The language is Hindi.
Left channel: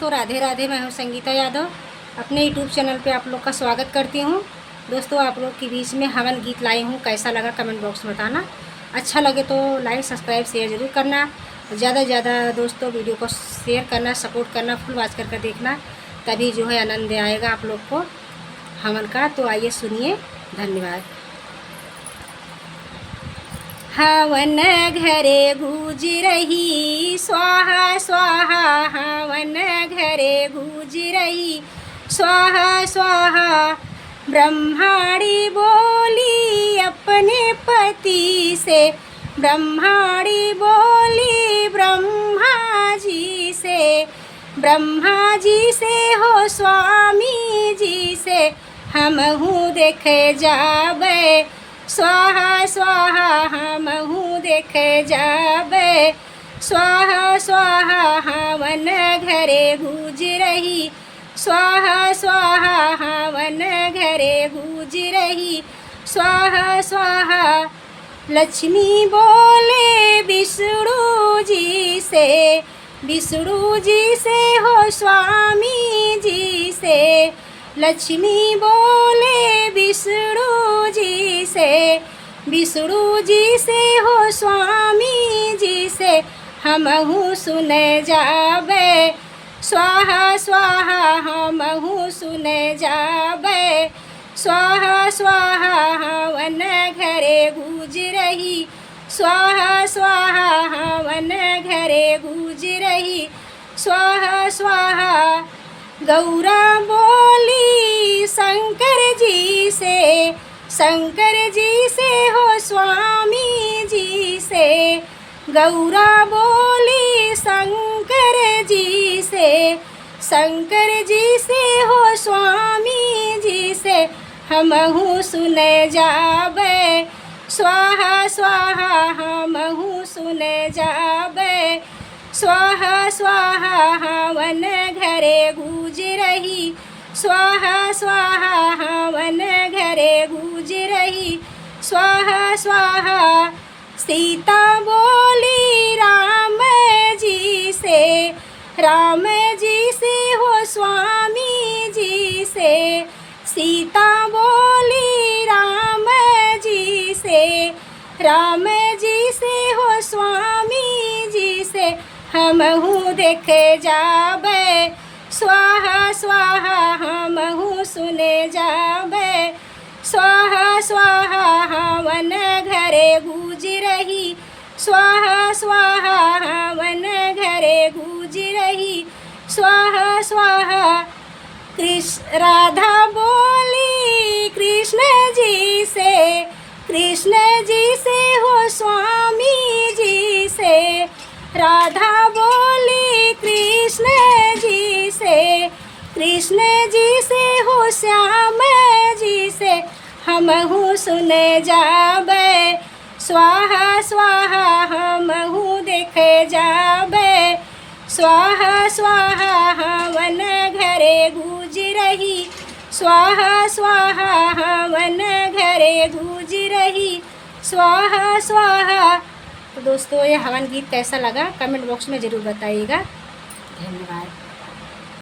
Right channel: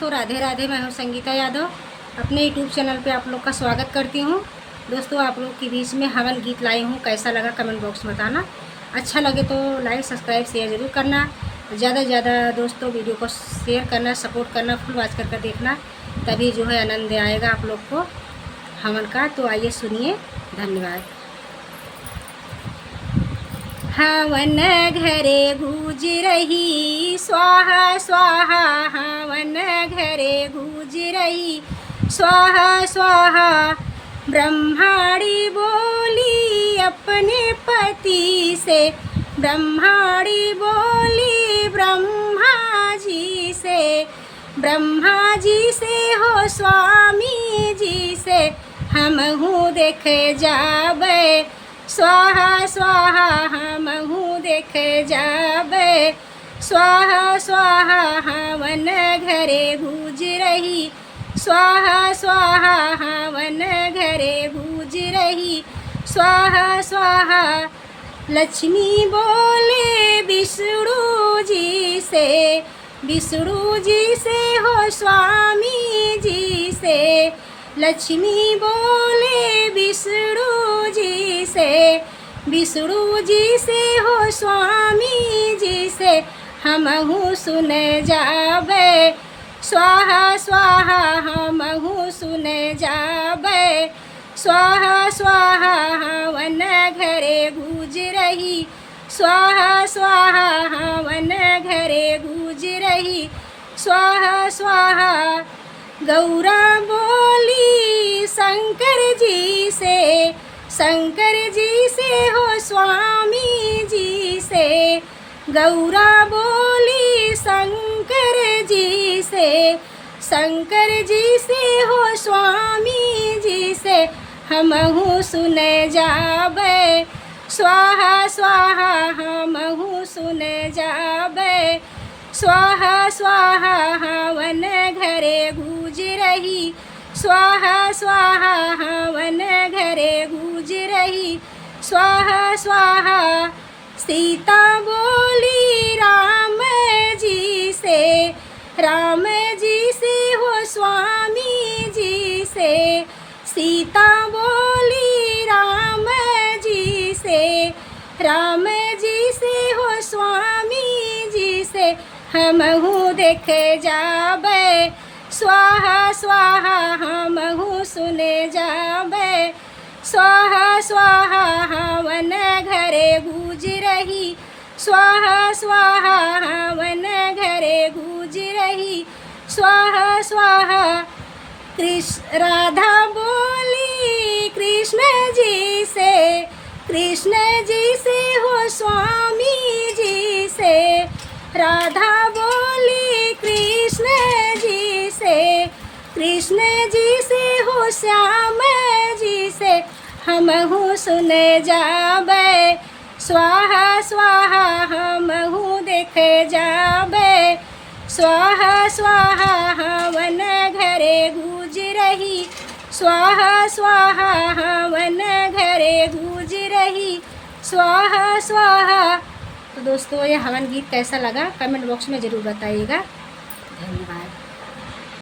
दोस्तों, राधे राधे। मैं हूं संगीता यादव। अपने यूट्यूब चैनल पे आप लोग का स्वागत करती हूं। दोस्तों, आप लोग के बीच में हवन गीत लाई हूं। कैसा लगा कमेंट बॉक्स में बताना। अच्छा लगे तो लाइक सब्सक्राइब शेयर ज़रूर करना। ज़्यादा से ज़्यादा दोस्तों वीडियो को शेयर करना, सपोर्ट करना, फुल वॉच करके देखना, तभी जो है आनंद आएगा आप लोग को हवन का। तो आइए सुनिए। धन्यवाद। हवन घरे गूंज रही स्वाहा स्वाहा, हवन घरे गूंज रही स्वाहा स्वाहा। ब्रह्माणी बोली अपने पति से, ब्रह्माणी बोली ब्रह्मा जी से, ब्रह्मा जी से हो स्वामी जी से हमहू देखे जाबे स्वाहा स्वाहा, हमहू देखे जाबे स्वाहा स्वाहा। हवन घरे गूंज रही स्वाहा स्वाहा, हवन घरे गूंज रही स्वाहा स्वाहा। लक्ष्मी बोले विष्णु जी से, विष्णु जी से हो स्वामी जी से। लक्ष्मी बोले विष्णु जी से, विष्णु जी से हो स्वामी जी से हमहू सुने जाबे स्वाहा स्वाहा, हमहू सुने जाबे स्वाहा स्वाहा। हवन घरे गूंज रही स्वाहा स्वाहा, हवन घरे गूंज रही स्वाहा स्वाहा। गौरा बोली शंकर जी से, शंकर जी से हो स्वामी जी से। गौरा बोली शंकर जी से, शंकर जी से हो स्वामी जी से हमहू सुने जाबे स्वाहा स्वाहा, हमहू सुने जाबे स्वाहा स्वाहा। हवन घरे गूंज रही स्वाहा स्वाहा, हवन घरे गूंज रही स्वाहा स्वाहा। सीता बोली राम जी से, राम जी से हो स्वामी जी से। सीता बोली राम जी से, राम जी से हो स्वामी जी से हमहू देखे जाबे स्वाहा स्वाहा, हमहू सुने जाबे स्वाहा स्वाहा। हवन घरे गूंज रही स्वाहा स्वाहा, हवन घरे गूंज रही स्वाहा स्वाहा। कृष्ण राधा बोली कृष्ण जी से, कृष्ण जी से हो स्वामी जी से। राधा बोली कृष्ण जी से, कृष्ण जी से हो श्याम जी से हमहू सुने जाबे स्वाहा स्वाहा, हमहू देखे जाबे स्वाहा स्वाहा। हवन घरे गूंज रही स्वाहा स्वाहा, हवन घरे गूंज रही स्वाहा स्वाहा। तो दोस्तों, ये हवन गीत कैसा लगा कमेंट बॉक्स में ज़रूर बताइएगा। धन्यवाद।